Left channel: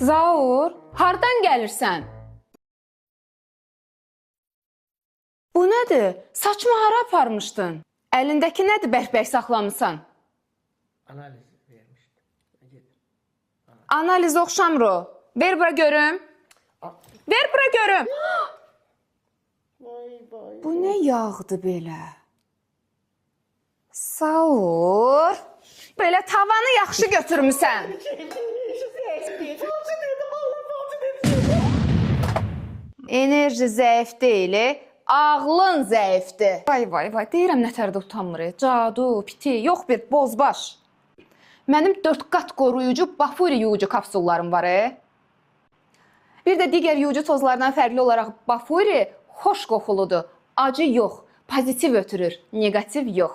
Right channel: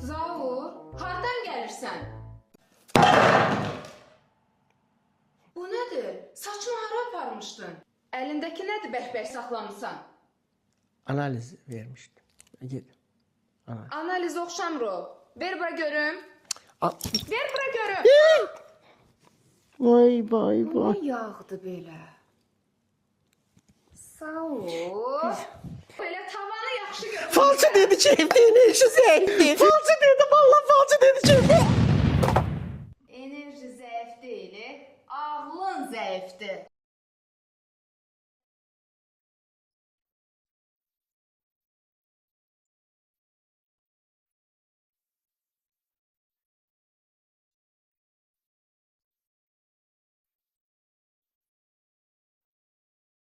Zaur, hardan gəlirsən? Bu nədir? Saçma hara aparmışdın? Əlindəki nədir bərk-bərk saxlamısan? Analiz vermişdim. Git. Analiz oxşamır o. Ver bura görüm. Ver bura görüm. Vay vay Bu vay. nə yağdı belə? Zaur. Belə tavanı yaxşı Falcı götürmüsən. dedi ki evde enerji zəifdir. Falcı dedi valla falcı dedi ki evde. Enerji zəif deyil, ağlın zəifdir. Vay vay vay, deyirəm nətərdə utanmır. Cadu, piti, yox bir bozbaş. Mənim 4 qat qoruyucu Bafuri yuyucu kapsullarım var. Bir də digər yuyucu tozlardan fərqli olaraq Bafuri xoş qoxuludur. Acı yox, pozitiv ötürür, negativ yox.